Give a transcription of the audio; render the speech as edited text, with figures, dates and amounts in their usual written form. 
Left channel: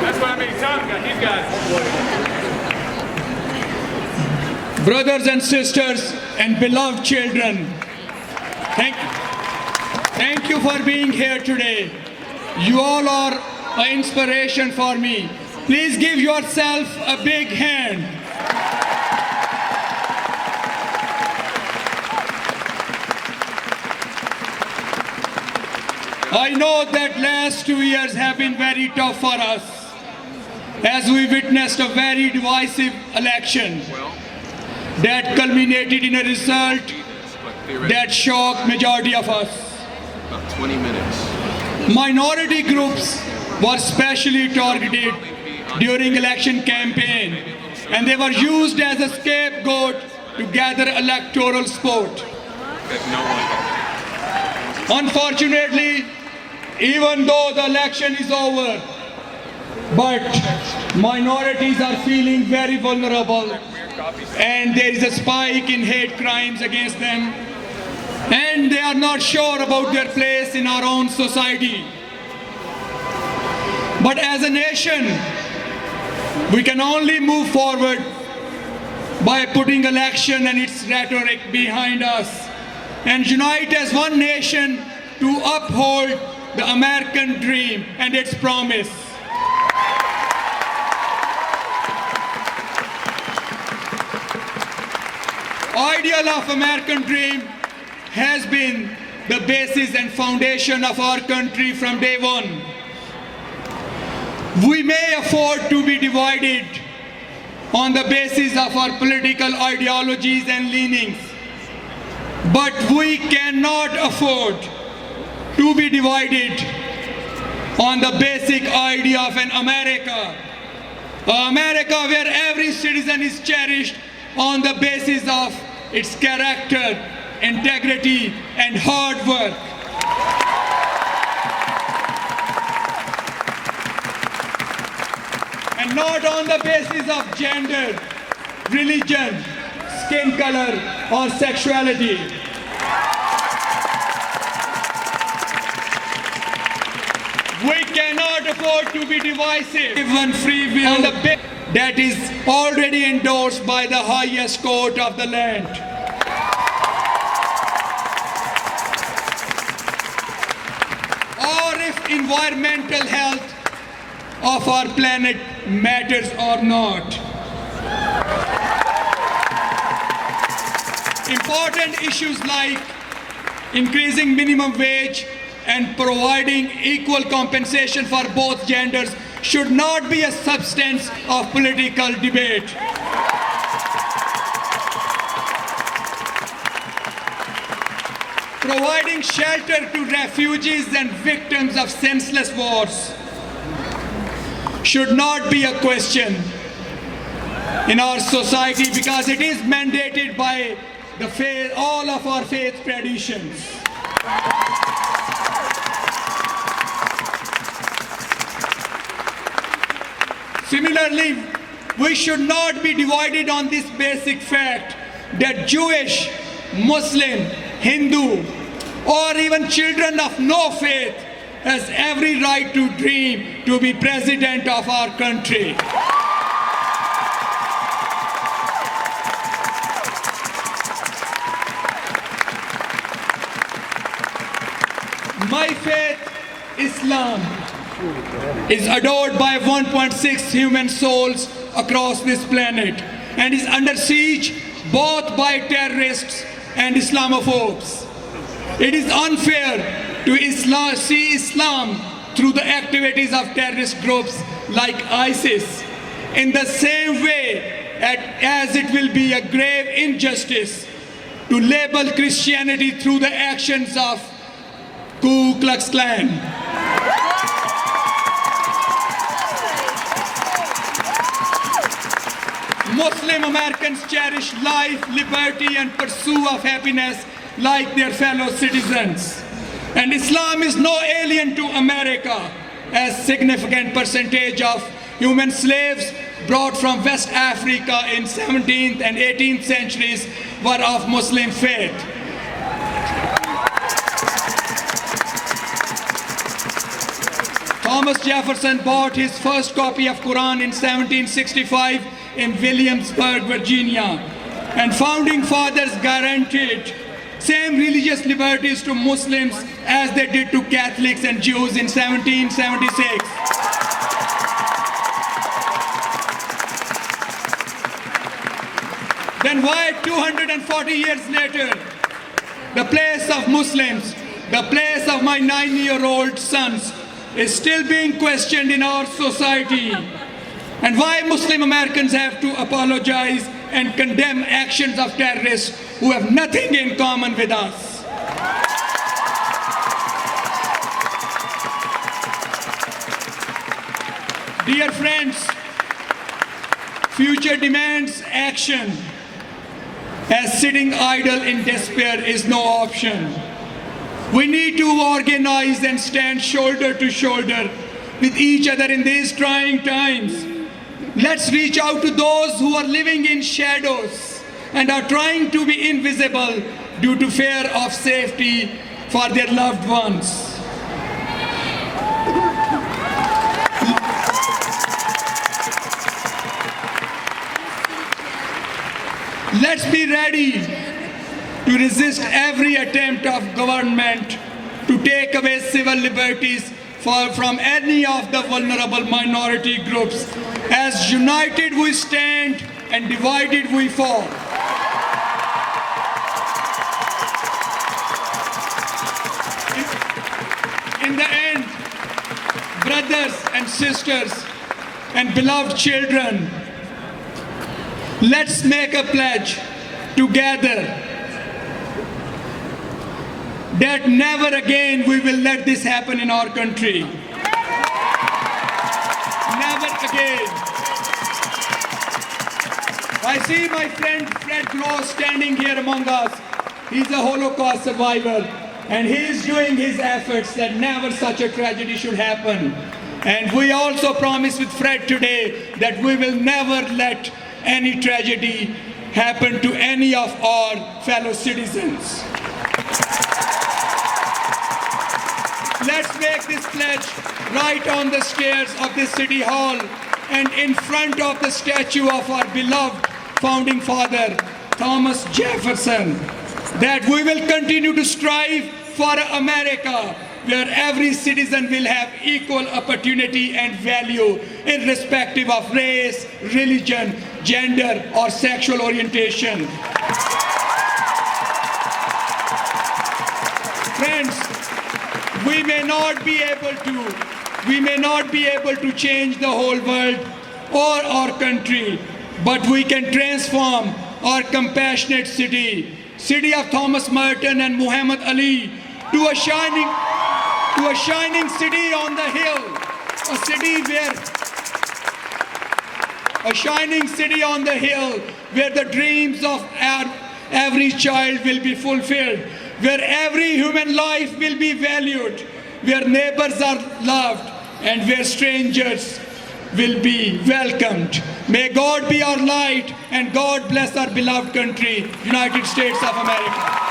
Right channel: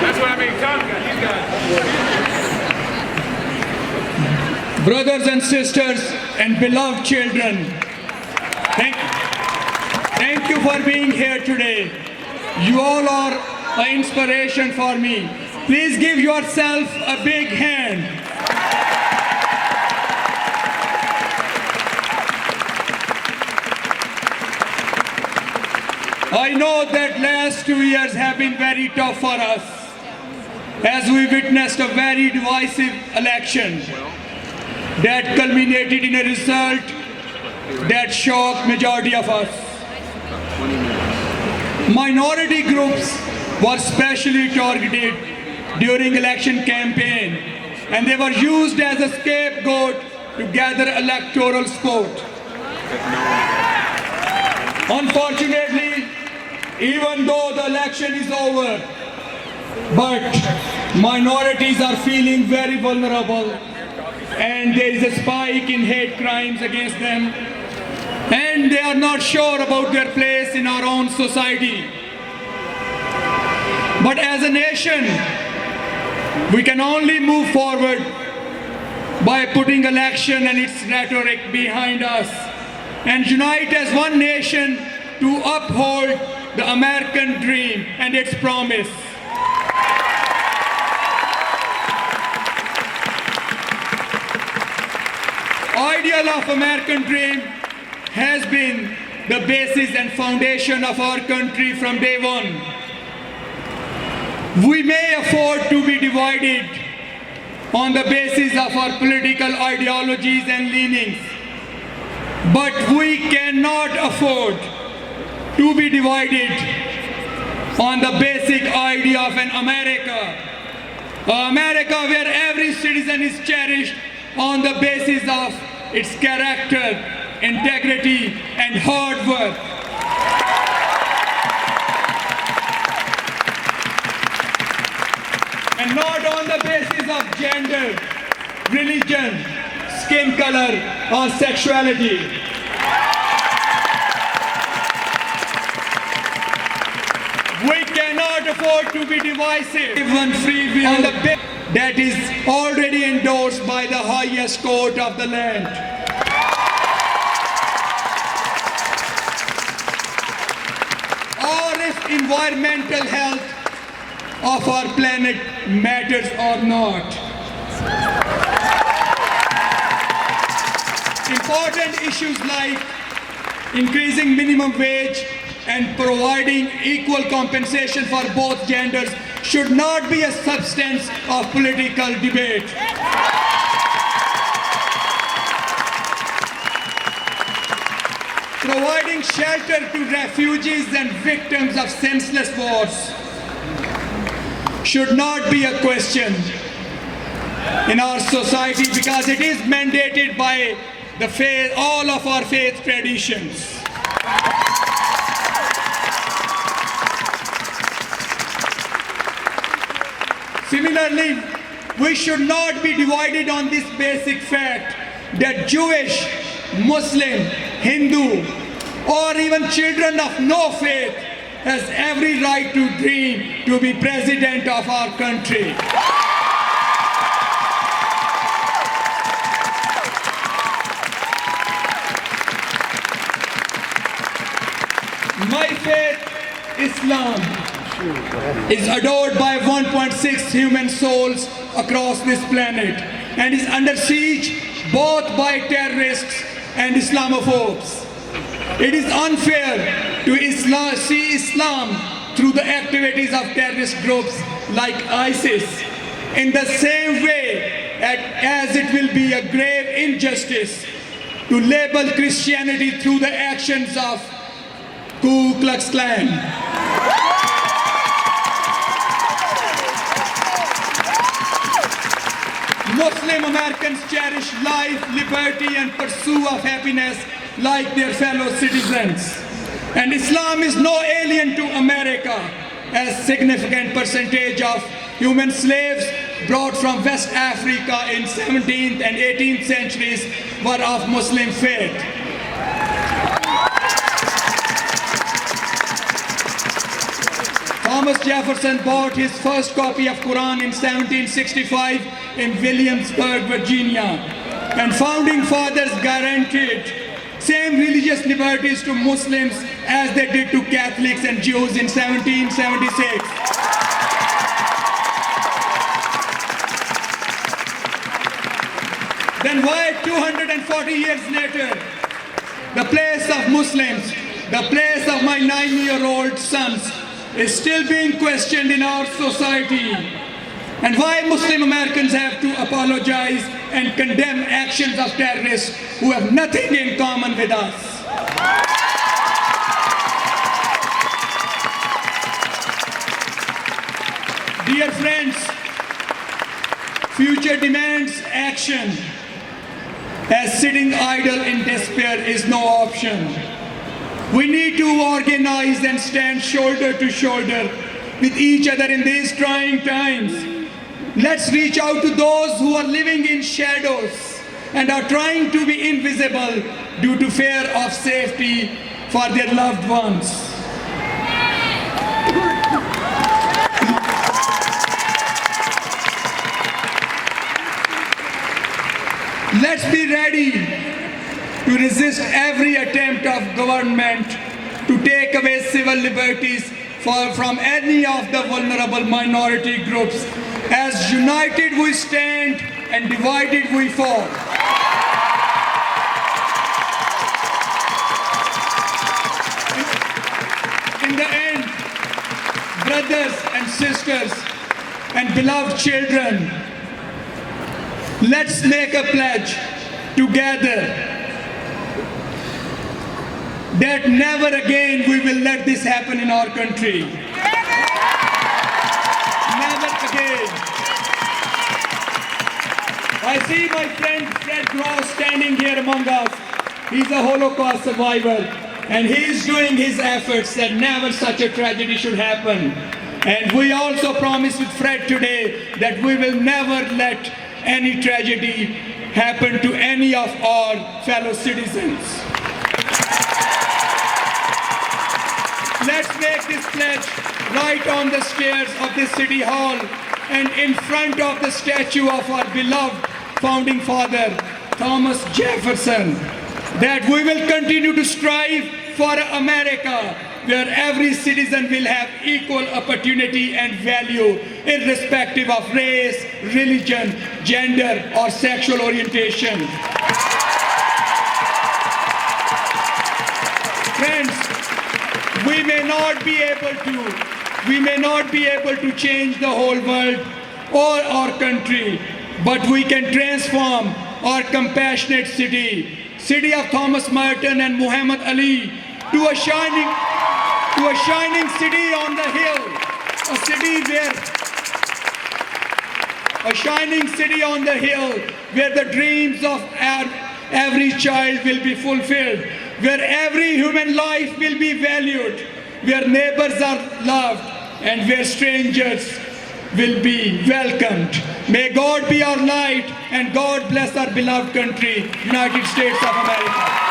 That's what I mean. Tell them, you guys. Brothers and sisters and beloved children, thank you for being here today. You all are an inspiration for me. Please give yourself a big hand. I know that last 2 years have been very tough for us as we witnessed a very divisive election that culminated in a result that shocked majority of us. Minority groups were specially targeted during election campaign, and they were used as a scapegoat to gather electoral support. Unfortunately, even though the election is over, but minorities are feeling very vulnerable, and there is a spike in hate crimes against them, and they are not sure about their place in our own society. But as a nation, we can only move forward by putting election and its rhetoric behind us and unite as one nation to uphold the American dream and its promise. Ideal of American dream has been the basis and foundation of our country from day one. We may afford to be divided on the basis of our political ideologies and leanings, but we cannot afford to be divided on the basic idea of an America where every citizen is cherished on the basis of its character, integrity, and hard work. And not on the basis of gender, religion, skin color, or sexuality. We cannot afford to be divisive. Even free will on the basis that is already endorsed by the highest court of the land. Or if environmental health of our planet matters or not. Important issues like increasing minimum wage and providing equal compensation for both genders should not be a substance of political debate. Providing shelter to refugees and victims of senseless wars should not be a question in our society because it is mandated by the faith, all of our faith traditions. Similarly, we should not be divided on this basic fact that Jewish, Muslim, Hindu, or even children of no faith has every right to dream to be president of our country. My faith, Islam, is adored by 1.6 human souls across this planet and is under siege both by terrorists and Islamophobes. It is unfair to see Islam through the activities of terrorist groups like ISIS in the same way as it will be a grave injustice to label Christianity through the actions of Ku Klux Klan. Muslim Americans cherish life, liberty, and pursuit of happiness like their fellow citizens. And Islam is no alien to America, as significant percentage of human slaves brought from West Africa in 17th and 18th centuries were of Muslim faith. Thomas Jefferson bought his first copy of Quran in 1765 in Williamsburg, Virginia. And founding fathers guaranteed same religious liberties to Muslims as they did to Catholics and Jews in 1776. Then why 240 years later, the place of Muslims, the place of my 9-year-old sons is still being questioned in our society? And why Muslim Americans have to apologize and condemn actions of terrorists who have nothing in common with us? Dear friends, future demands action, as sitting idle in despair is no option. We need to organize and stand shoulder to shoulder with each other in these trying times. Let's reach out to those who are living in shadows and are trying to be invisible due to fear of safety for their loved ones. Let's be ready to resist every attempt of government to take away civil liberties from any of the vulnerable minority groups. As united we stand and divided we fall. In the end, brothers and sisters and beloved children, let's make a pledge together that never again we will let this happen in our country. Never again. I see my friend Fred Gross standing here among us. He's a Holocaust survivor, and he's doing his efforts that never such a tragedy should happen. And we also promise with Fred today that we will never let any tragedy happen to any of our fellow citizens. Let's make this pledge right on the stairs of this city hall and in front of the statue of our beloved founding father, Thomas Jefferson, that we will continue to strive for America where every citizen will have equal opportunity and value irrespective of race, religion, gender, or sexual orientation. Friends, we may not be able to change the whole world or our country, but we can transform our compassionate city of Thomas Merton and Muhammad Ali to a shining city on the hill, a shining city on the hill where the dreams of every child will be fulfilled, where every human life will be valued, where neighbors are loved, and where strangers will be welcomed. May God be our light, and God bless our beloved country, United States of America.